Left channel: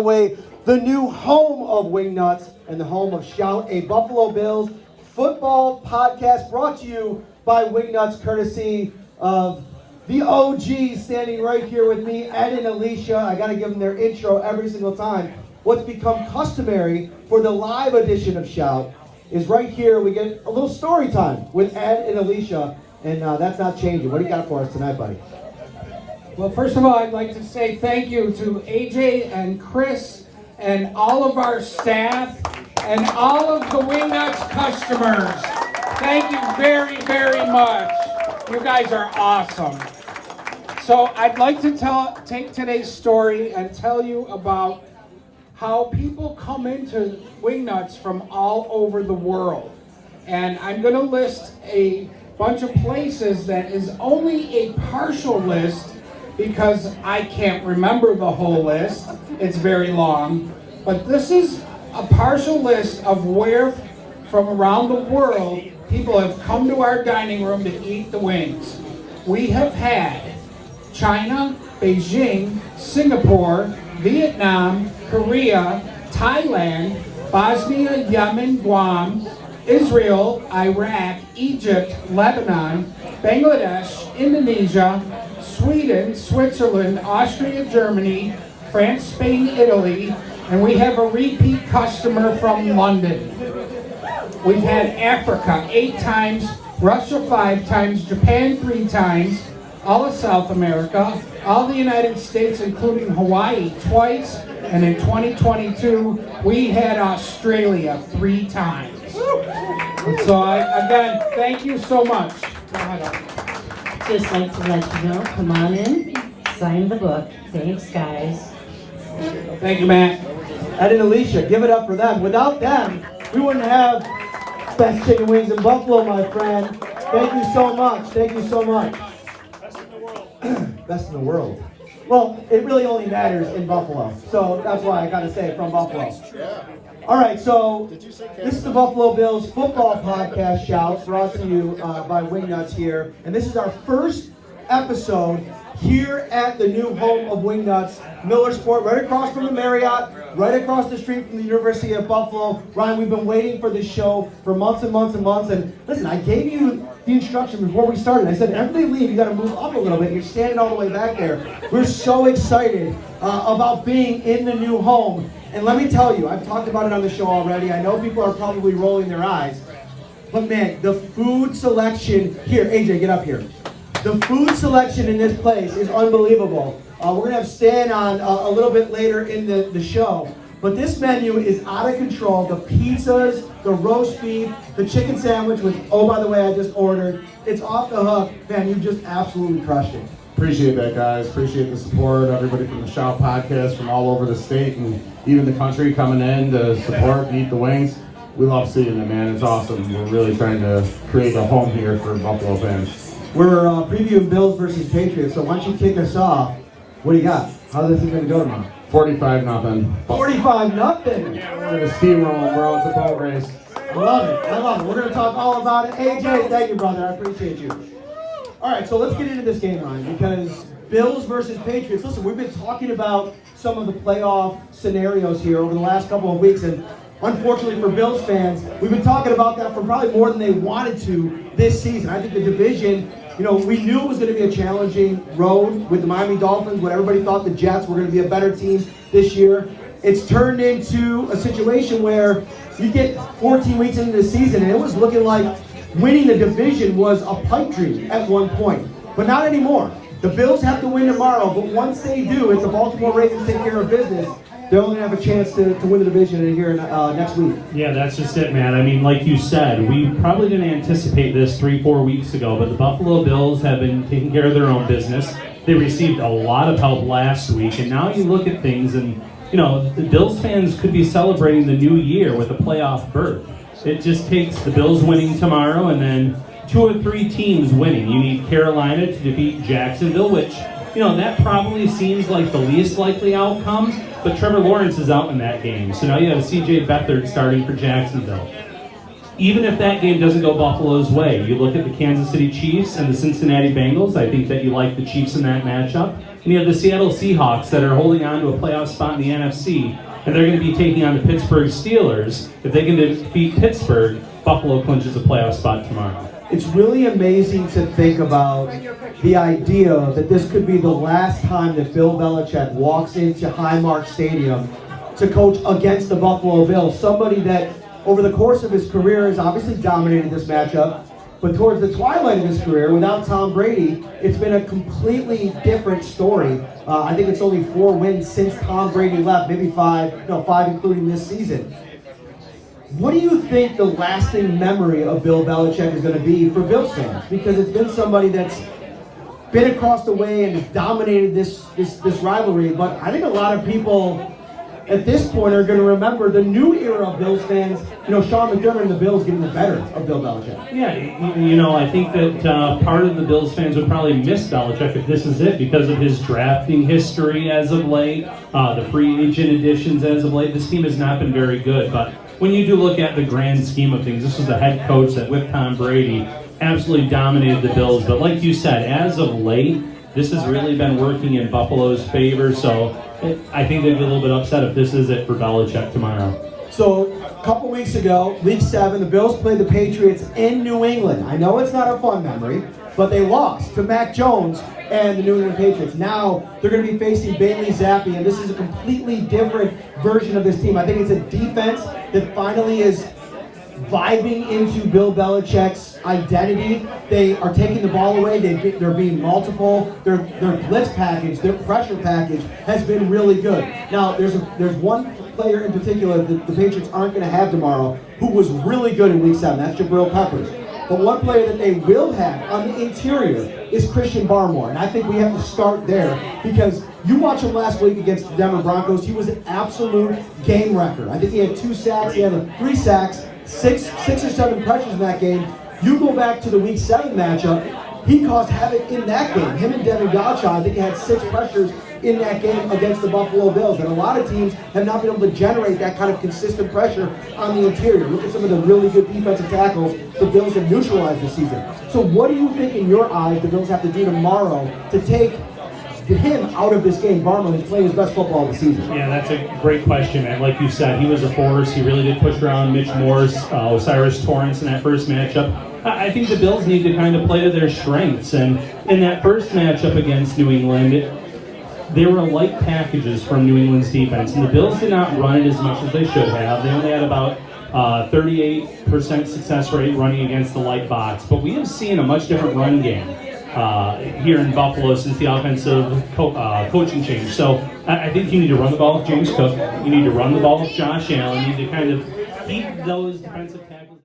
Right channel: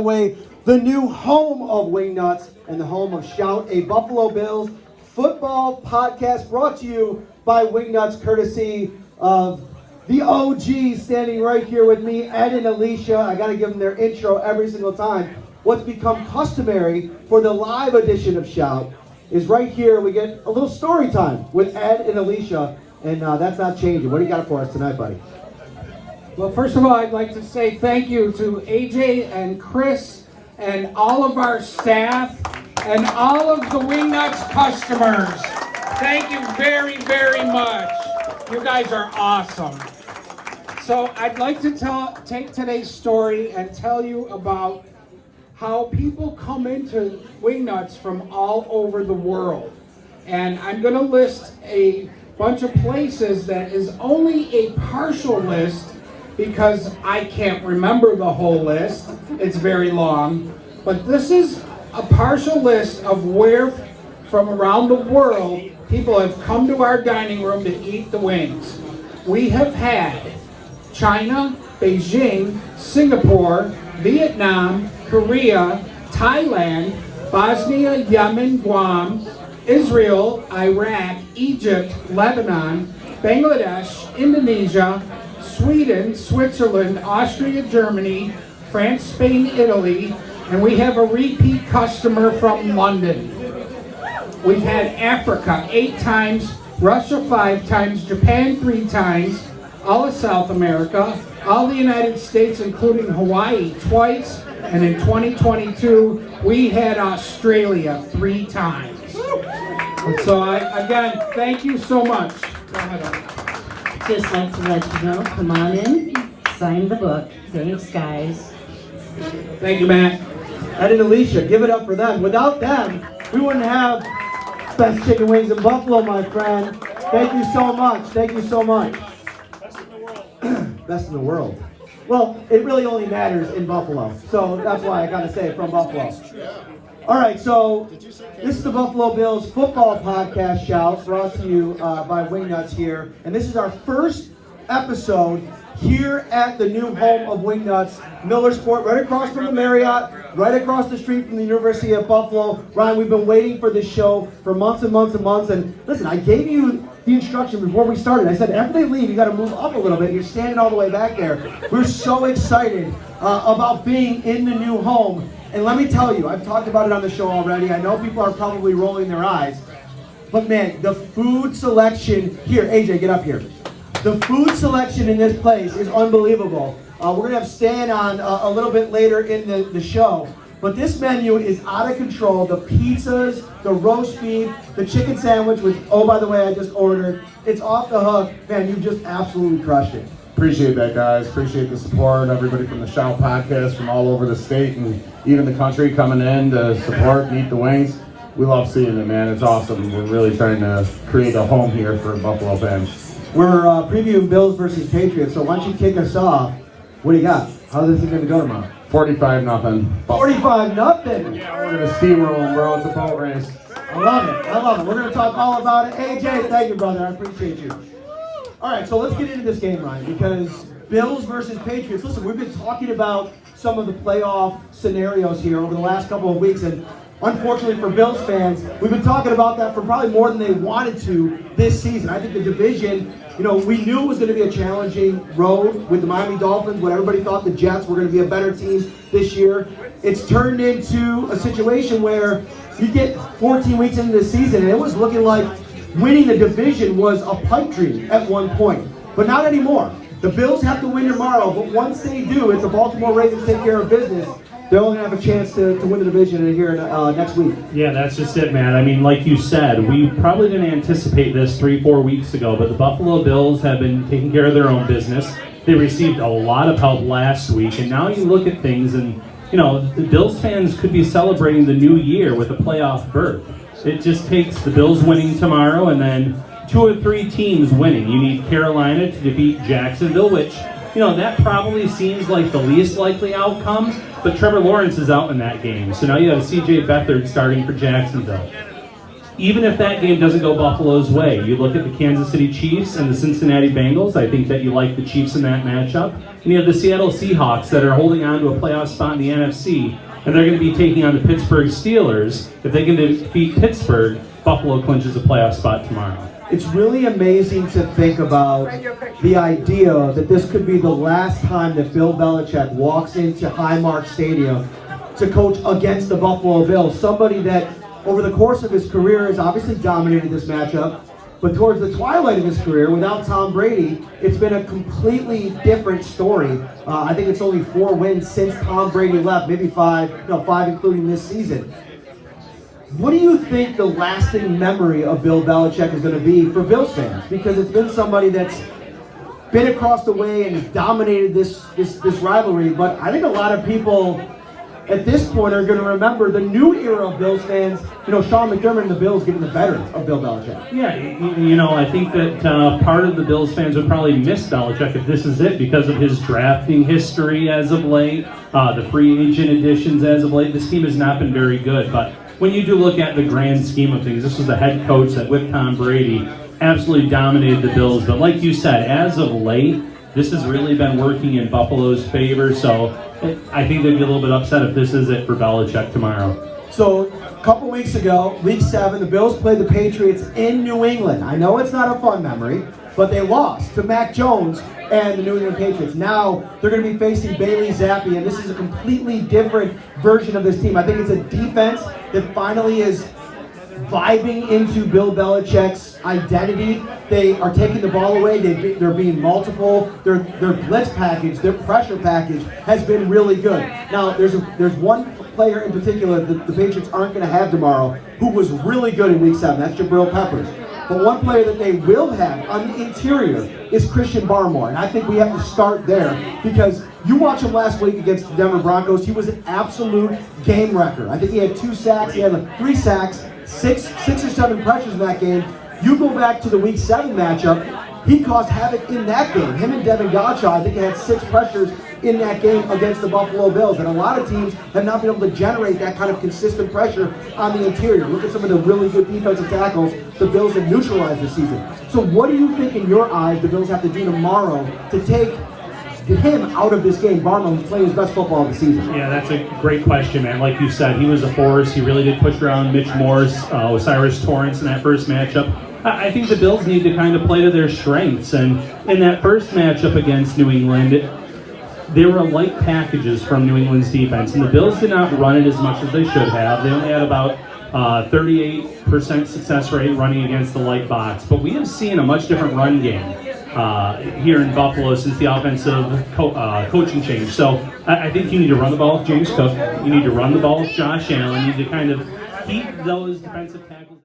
way the new home of WingNutz and the home of Shout, a Buffalo Bills football podcast brought to you by WingNutz, courtesy of the OGs standing right here with me, Ed and Alicia. I got to give them their intro every single time. What's become customary for the live edition of Shout is right here we get a little story time with Ed and Alicia, and that's not changing. What do you got for us tonight, buddy? Well, first of all, I'd like to say thank you to AJ and Chris and all of our staff and all of the WingNutz customers. Thank you very, very much. You guys are awesome. So I'd like to take today's story and tell you about how people come into WingNutz from all over the world. And I'm going to list a bunch of places that is only a partial list because I can't remember the whole list. It's very long. But this is a partial list of where from around the world people have come to our dining room to eat the wings. We have had China, Beijing, Singapore, Vietnam, Korea, Thailand, Bosnia, Yemen, Guam, Israel, Iraq, Egypt, Lebanon, Bangladesh, Indonesia, Sweden, Switzerland, Austria, Germany, France, Spain, Italy, and we have a repeat customer from London. We've had Africa 8 times, Russia 5 times, Japan 3 times, all of South America, all the United States, including Hawaii twice, and in 2022, we had Australia 3 times. So again, thank you so much. Go ahead. Just like to let you know, come on in, sign the book. Thanks, guys. Thank you, Matt. Ed and Alicia, give it up for them. Without them, we wouldn't have best chicken wings in Buffalo, my friend. Thank you so much. Thank you so much. Best in the world. Best in the world. Well, it really only matters in Buffalo. So that's why I got to say it from Buffalo. All right, so this is the Buffalo Bills football podcast shout brought to you by WingNutz here. And this is our first episode here at the new home of WingNutz, Millersport, right across from the Marriott, right across the street from the University of Buffalo. Ryan, we've been waiting for this show for months and months and months. And listen, I gave you the instruction before we started. I said, everybody leave, you got to move up a little bit. You're standing all the way back there. We're so excited about being in the new home. And let me tell you, I've talked about it on the show already. I know people are probably rolling their eyes. But man, the food selection here, AJ, get up here. The food selection in this place is unbelievable. We're going to have Stan on a little bit later in the show. But this menu is out of control. The pizzas, the roast beef, the chicken sandwich, which, oh, by the way, I just ordered. It's off the hook. Man, you just absolutely crushed it. Appreciate that, guys. Appreciate the support. Everybody from the Shout podcast from all over the state and even the country coming in to support and eat the wings. We love seeing it, man. It's awesome. We're really trying to create a home here for Buffalo fans. We're previewing Bills versus Patriots, so why don't you kick us off? What do you got? How's this going to go tomorrow? 45-0. 45-0. Yeah, we're going to steamroll them, bro. It's a boat race. I love it. I love it. We're going to talk all about it. AJ, thank you, brother. I appreciate you. All right, so let's get into this game, Ryan, because Bills versus Patriots. Listen, we've been talking about some of the playoff scenarios here over the last couple of weeks, and unfortunately for Bills fans, we've been talking about that for probably more than they wanted to this season. I think the division, we knew it was going to be a challenging road with the Miami Dolphins, when everybody thought the Jets were going to be a better team this year. It's turned into a situation where you get 14 weeks into the season, and it was looking like winning the division was a pipe dream at one point, but not anymore. The Bills have to win tomorrow, but once they do, if the Baltimore Ravens take care of business, they're only going to have a chance to win the division here next week. Yeah, that's just it, man. I mean, like you said, we probably didn't anticipate this 3-4 weeks ago, but the Buffalo Bills have been taking care of their own business. They received a lot of help last week, and now you look at things and, the Bills fans could be celebrating the new year with a playoff berth. It just takes the Bills winning tomorrow and then 2 or 3 teams winning. You need Carolina to defeat Jacksonville, which, that probably seems like the least likely outcome, but Trevor Lawrence is out in that game. So now you have C.J. Beathard starting for Jacksonville. even if that game doesn't go Buffalo's way, you look at the Kansas City Chiefs and the Cincinnati Bengals. I think that you like the Chiefs in that matchup. And you have the Seattle Seahawks that are holding on to a playoff spot in the NFC, and they're going to be taking on the Pittsburgh Steelers. If they can defeat Pittsburgh, Buffalo clinches a playoff spot tomorrow. It's really amazing to think about the idea that this could be the last time that Bill Belichick walks into Highmark Stadium to coach against the Buffalo Bills. Somebody that over the course of his career has obviously dominated this matchup, but towards the twilight of his career, without Tom Brady, it's been a completely different story. I think it's only 4 wins since Tom Brady left, maybe 5 including this season. What do you think the lasting memory of Bill Belichick is going to be for Bills fans? Because it's been somebody that's been across the way and has dominated this rivalry, but I think a lot of people at this point are going to remember the new era of Bills fans. Sean McDermott and the Bills getting the better of Bill Belichick. Yeah, I think that part of the Bills fans would probably miss Belichick if this is it because of his drafting history as of late, the free agent additions as of late. This team has not been very good, but when you do look at the grand scheme of things, this was the head coach that with Tom Brady absolutely dominated the Bills. But like you said, as of late, this has really been working in Buffalo's favor. So I think they'd be a little bit upset if this is it for Belichick tomorrow. So a couple weeks ago, week 7, the Bills played the Patriots in New England. I know it's not a fun memory, but they lost to Mac Jones and the New England Patriots. Now they're going to be facing Bailey Zappi, and this is a completely different version of this team. I think it's a defense that finally is vibing into Bill Belichick's identity. They are taking the ball away. They're being multiple. Their blitz package, their pressure package has been really good. Now there's one player in particular that the Patriots aren't going to have tomorrow who was really good in week 7. That's Jabril Peppers. But one player that they will have on the interior is Christian Barmore. And I think we have to start there because you watch him last week against the Denver Broncos. He was an absolute game wrecker. I think he had 2 sacks. He had 3 sacks, 6 or 7 pressures in that game. You go back to the week 7 matchup, he caused havoc in that game. Him and Devin Gottschall, I think he had 6 pressures in that game against the Buffalo Bills. And a lot of teams have not been able to generate that kind of consistent pressure on the interior. Look at some of the really good defensive tackles the Bills have neutralized this season. So what do you think in your eyes the Bills have to do tomorrow to take him out of this game? Barlow, who's playing his best football of the season. Yeah, that's a great question, man. Like you said, he was a force. He really did push around Mitch Morse, Osiris Torrance in that first matchup. I think the Bills need to kind of play to their strengths. And in that first matchup against New England, they were light packages from New England's defense, and the Bills did not run it as much as they should have. They only had about 38% success rate running against the light box. But we have seen a much different run game here in Buffalo since the offensive coaching change. So I think you need to run the ball with James Cook. You need to run the ball with Josh Allen. You need to kind of keep those defensive tackles.